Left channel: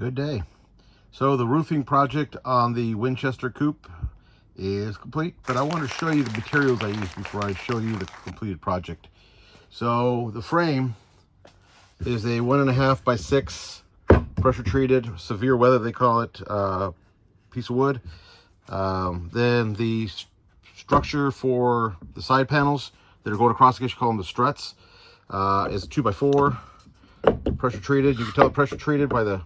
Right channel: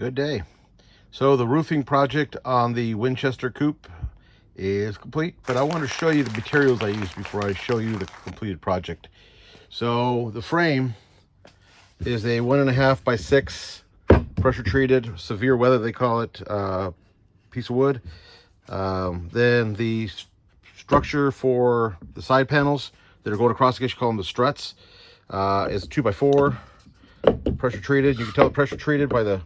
Good day. So the roofing project on the Winchester Coop is complete, but I want to show you the materials I used before I show you the completed project. So the frame is a 1.5 by 6 pressure treated, severe weather they call it, piece of wood. Then the structure for the side panels that are going across, I guess you call them the struts, is a 2x4 pressure treated. You can tell pressure treated by the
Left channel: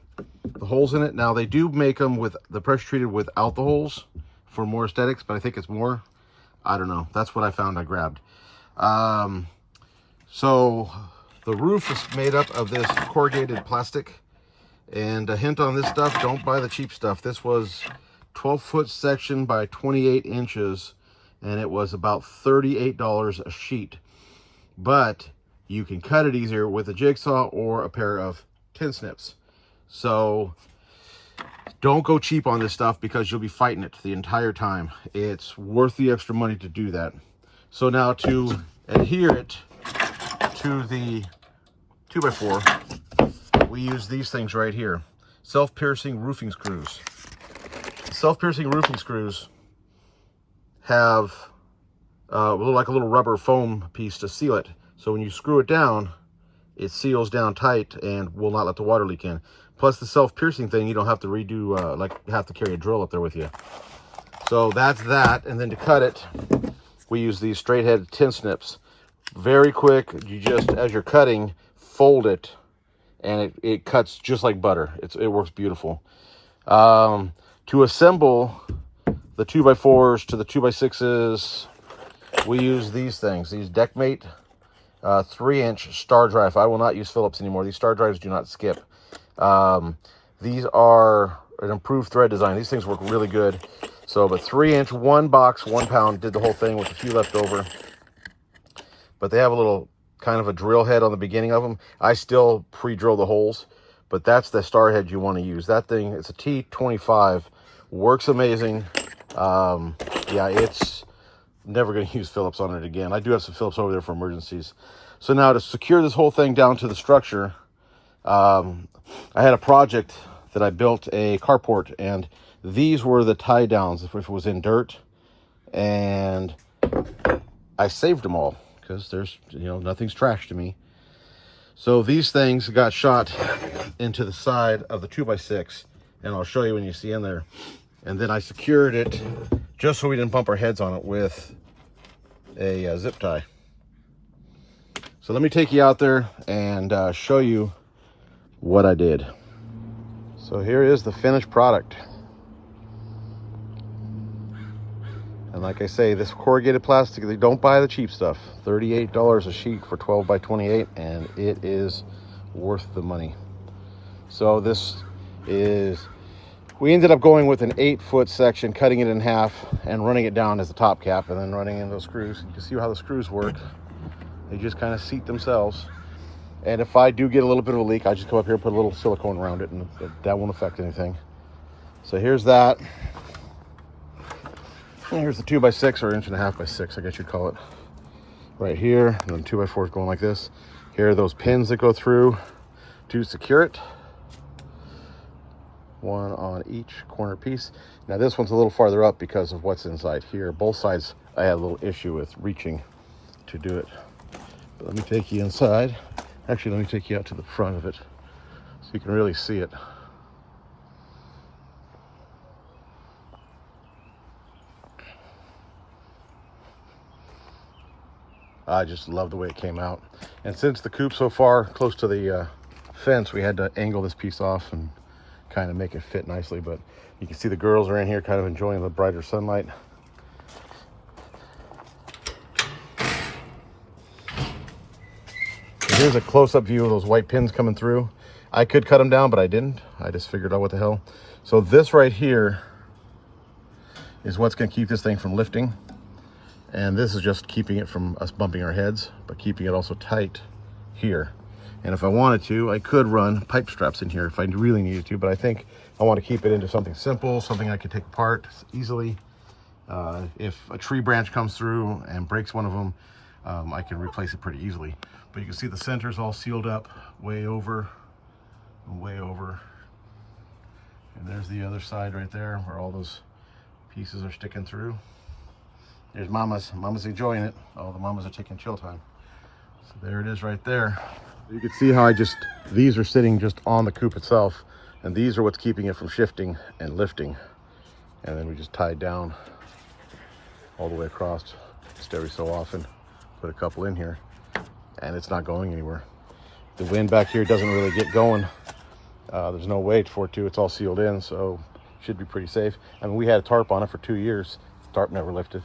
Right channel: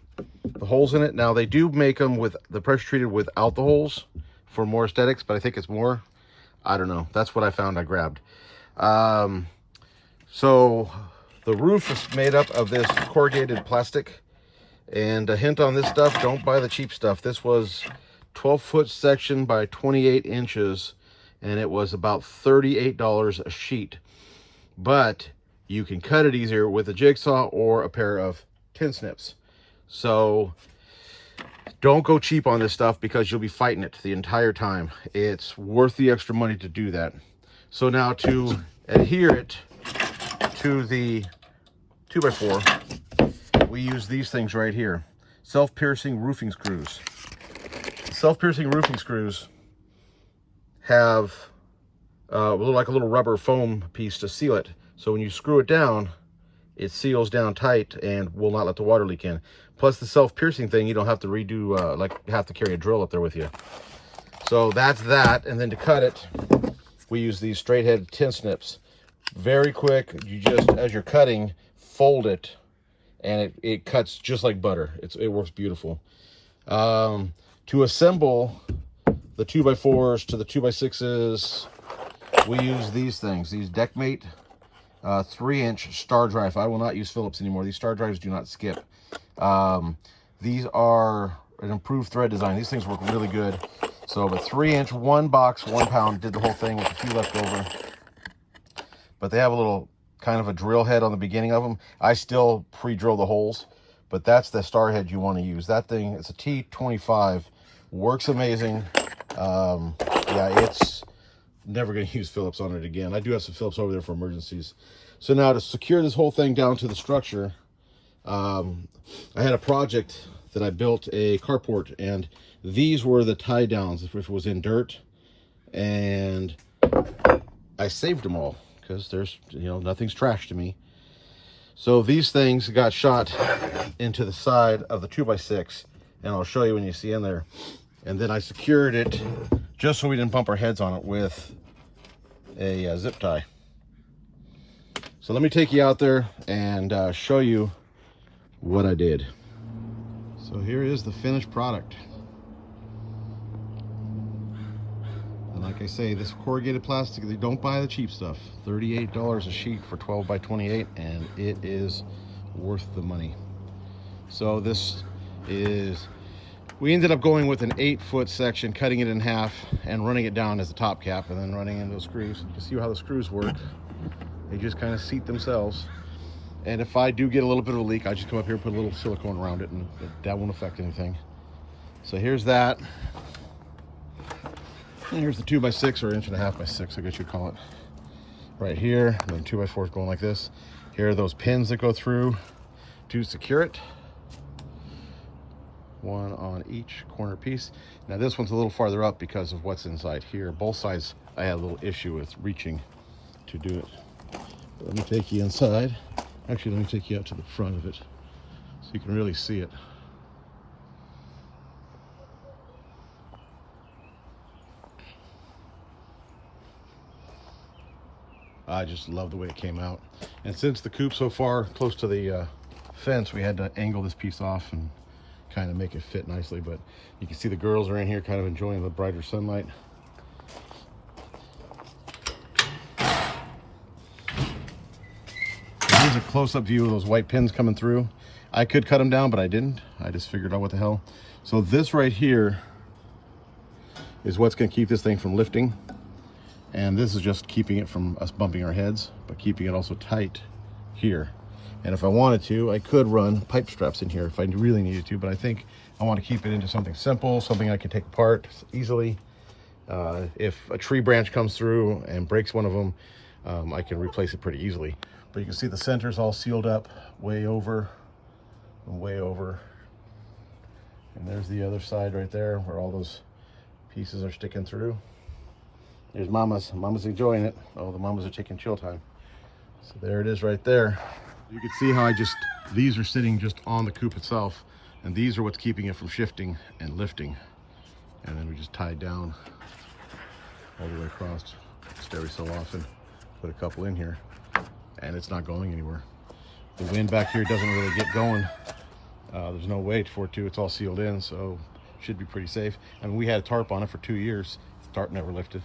holes in it. Now they do make them with the pressure treated without the holes for more aesthetics, but I think it's more, I don't know, that's what I found. I grabbed so the roof is made up of this corrugated plastic, and a hint on this stuff: don't buy the cheap stuff. This was 12-foot section by 28 inches, and it was about $38 a sheet, but you can cut it easier with a jigsaw or a pair of tin snips. So don't go cheap on this stuff, because you'll be fighting it the entire time. It's worth the extra money to do that. So now to adhere it to the 2x4, we use these things right here. Self-piercing roofing screws. Self-piercing roofing screws have like a little rubber foam piece to seal it. So when you screw it down, it seals down tight and will not let the water leak in. Plus the self-piercing thing, you don't have to redo, like have to carry a drill up there with you. So that's that. And then to cut it, we use these straight head tin snips. Very quick. You just, as you're cutting, fold it, and it cuts just like butter. It works beautiful. To assemble the 2x4s to the 2x6s, we use these things, these Deckmate 3-inch star drive. I will not use Phillips anymore. These star drives do not skip. These are an improved thread design. These things work really good. So the 3-inch, 1 box, 1 pound, did the whole thing with a few left over. But they have a little kind of a drill head on the beginning of them. I still pre-drill the holes, but that's the star head you want to use. That thing, it's a T25, works amazing. Yeah, it's never going to use Phillips on it again. I do have some Phillips over there for emergencies. So now to secure this whole thing down to the structure, I had a project that I built a carport, and these were the tie downs if it was in dirt, and I saved them all because there's, nothing's trash to me. So these things got shot into the side of the 2x6, and I'll show you when you see in there. And then I secured it just so we didn't bump our heads on it with a zip tie. So let me take you out there and show you what I did. So here is the finished product. And like I say, this corrugated plastic, they don't buy the cheap stuff. $38 a sheet for 12 by 28, and it is worth the money. So this is, we ended up going with an 8-foot section, cutting it in half and running it down as the top cap, and then running in those screws. You can see how the screws work. They just kind of seat themselves. And if I do get a little bit of a leak, I just come up here and put a little silicone around it, and that won't affect anything. So here's that. And here's the 2x6, or 1.5 by 6, I guess you'd call it. Right here, and then 2x4 is going like this. Here are those pins that go through to secure it. One on each corner piece. Now this one's a little farther up because of what's inside here. Both sides I had a little issue with reaching to do it. But let me take you inside. Actually, let me take you out to the front of it so you can really see it. I just love the way it came out. And since the coop's so far close to the fence, we had to angle this piece off and kind of make it fit nicely. But you can see the girls are in here kind of enjoying the brighter sunlight. Here's a close-up view of those white pins coming through. I could cut them down, but I didn't. I just figured out what the hell. So this right here is what's going to keep this thing from lifting. And this is just keeping it from us bumping our heads, but keeping it also tight here. And if I wanted to, I could run pipe straps in here if I really needed to, but I think I want to keep it into something simple, something I can take apart easily. If a tree branch comes through and breaks one of them, I can replace it pretty easily. But you can see the center's all sealed up, way over and way over. And there's the other side right there where all those pieces are sticking through. There's Mama's. Mama's enjoying it. Oh, the Mamas are taking chill time. So there it is right there. You can see how these are sitting just on the coop itself, and these are what's keeping it from shifting and lifting. And then we just tie it down all the way across, just every so often. Put a couple in here, and it's not going anywhere. The wind back here doesn't really get going. There's no way for it to. It's all sealed in, so should be pretty safe. I mean, we had a tarp on it for 2 years. The tarp never lifted.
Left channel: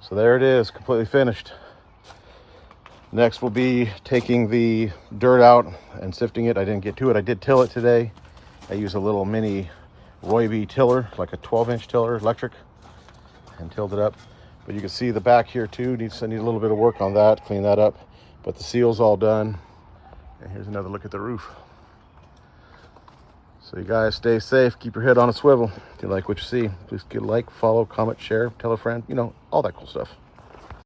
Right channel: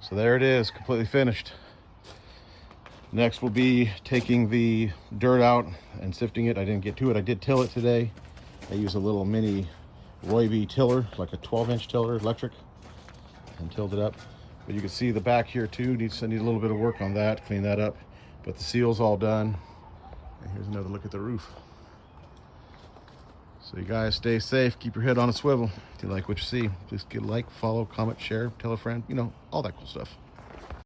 So there it is, completely finished. Next we'll be taking the dirt out and sifting it. I didn't get to it. I did till it today. I used a little mini Roy tiller, like a 12-inch tiller, electric, and tilled it up. But you can see the back here too. I need a little bit of work on that, clean that up. But the seal's all done. And here's another look at the roof. So you guys stay safe, keep your head on a swivel. If you like what you see, please give a like, follow, comment, share, tell a friend, you know, all that cool stuff.